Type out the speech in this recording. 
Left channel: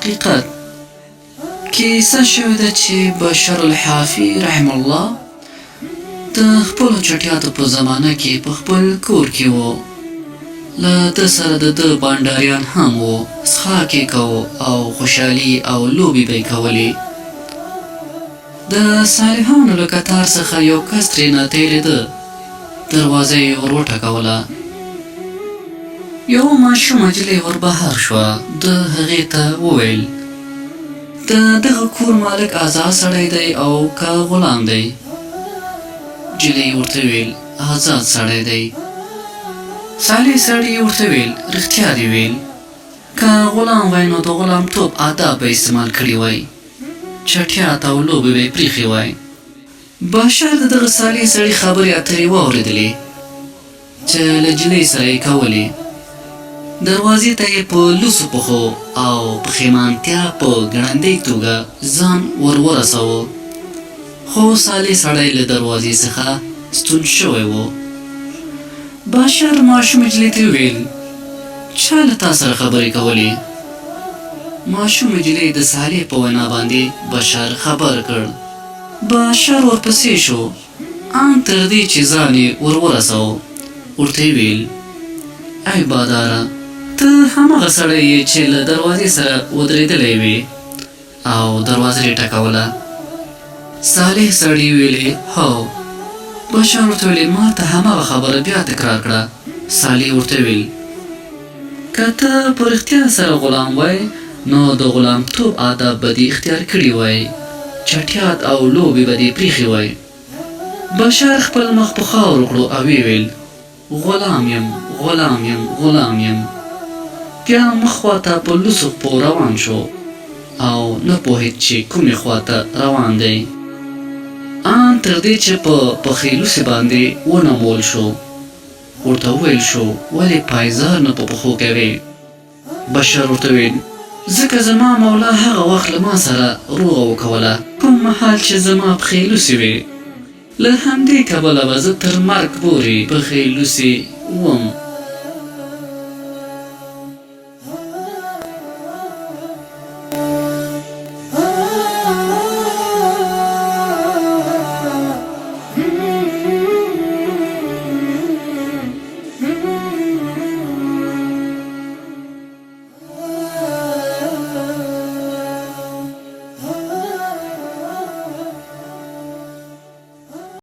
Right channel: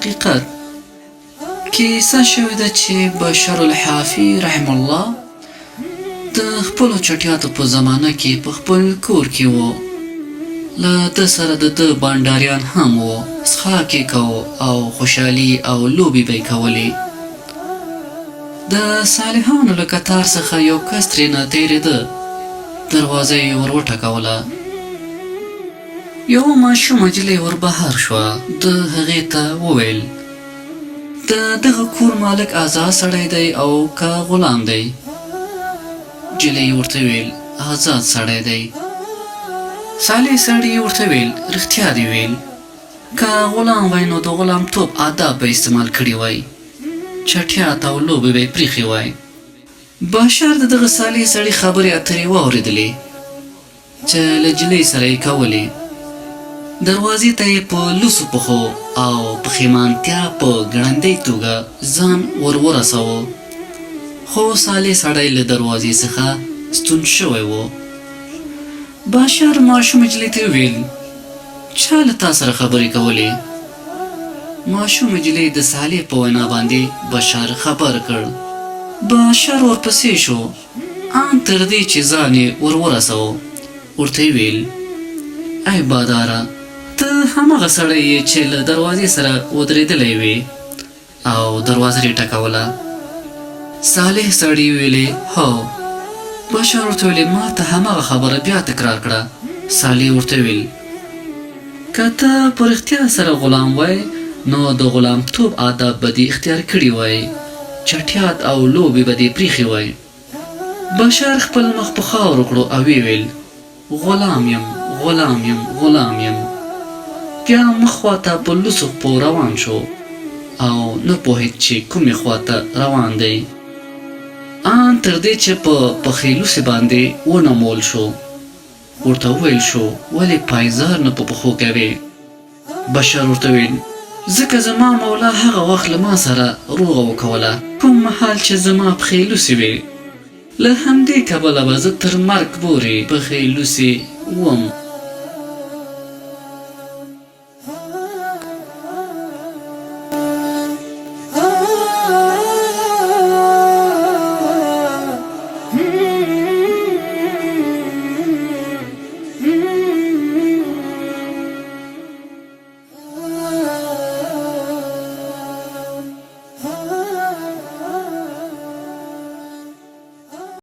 حقیقت کیسه شوې ده چې بشر الحافي رحم الله د خپلو چټیاتو په زمانه کې په خپل کور کې و. له ده سره د ده بانډاریان هم و. څښاک یې کوو او خوشحالي او لوبې به یې کولې. د صالحانو له کتار څخه یو کس ترېنه تېرېده. دروازه یې ور وټکوله. یو ماشومه نجلۍ ور بهر شوه. ده هغې ته وویل د دغه کور مالک آزاد سړی دی او که غلام دی؟ نجلۍ ورته ویل آزاد سړی دی. صالح سړي ورته ویل رښتیا دې ویل. که غلام وای نو د غلامتوب آداب به استعمال کړي وای. چټیات او لوبې به یې پرېښې وای. بشر د دغه صالح سړي خبرې اترې واورېدلې چې له نجلۍ سره یې کولې. دروازې ته یې په لوڅو پښو او پښیمانتیا په ګړندۍ توګه ځان ور ورساوه. خو صالح سړی له دروازې څخه ستون شوی و. بشر ماشوم نجلۍ ته وویل چا له تا سره خبرې کولې؟ ماشوم نجلۍ د صالح په وینا باندې بشر خبر کړ. بشر ورپسې شو ان تر دې چې ځان یې ور ورساوه. ورته یې ویل ای باداره، ته هماغه سړی یې چې له دروازې سره ودرېدلی وې او دروازه یې ټکوله؟ صالح سړي ویلې هو. بشر ورته ویلې ما ته هماغه خبره بیا تکرار کړه. صالح ورته ویل که ته په رښتیا سره غلام وای نو د غلامتوب آداب به دې اختیار کړي وای. چټیات او لوبې به دې پرېښې وای. بشر خپل مخ په خاورو کړو او ویې ویل غلام یم غلام یم غلام یم. بیا مخ خواته په لوڅو پښو روان شو او نه پوهېد چې کومې خواته روان دی. ان تر دې چې په پښې لوڅې باندې ونمول شو. ورته وویل شو ولې پایزار نه په پښو کوې؟ بشر ورته ویل ځکه زما مولا هغه وخت له ما سره روغه وکوله کوم مهال چې زما پښې لوڅې وې. له همدې کبله به زه تر مرګ پورې پښې لوڅې وم.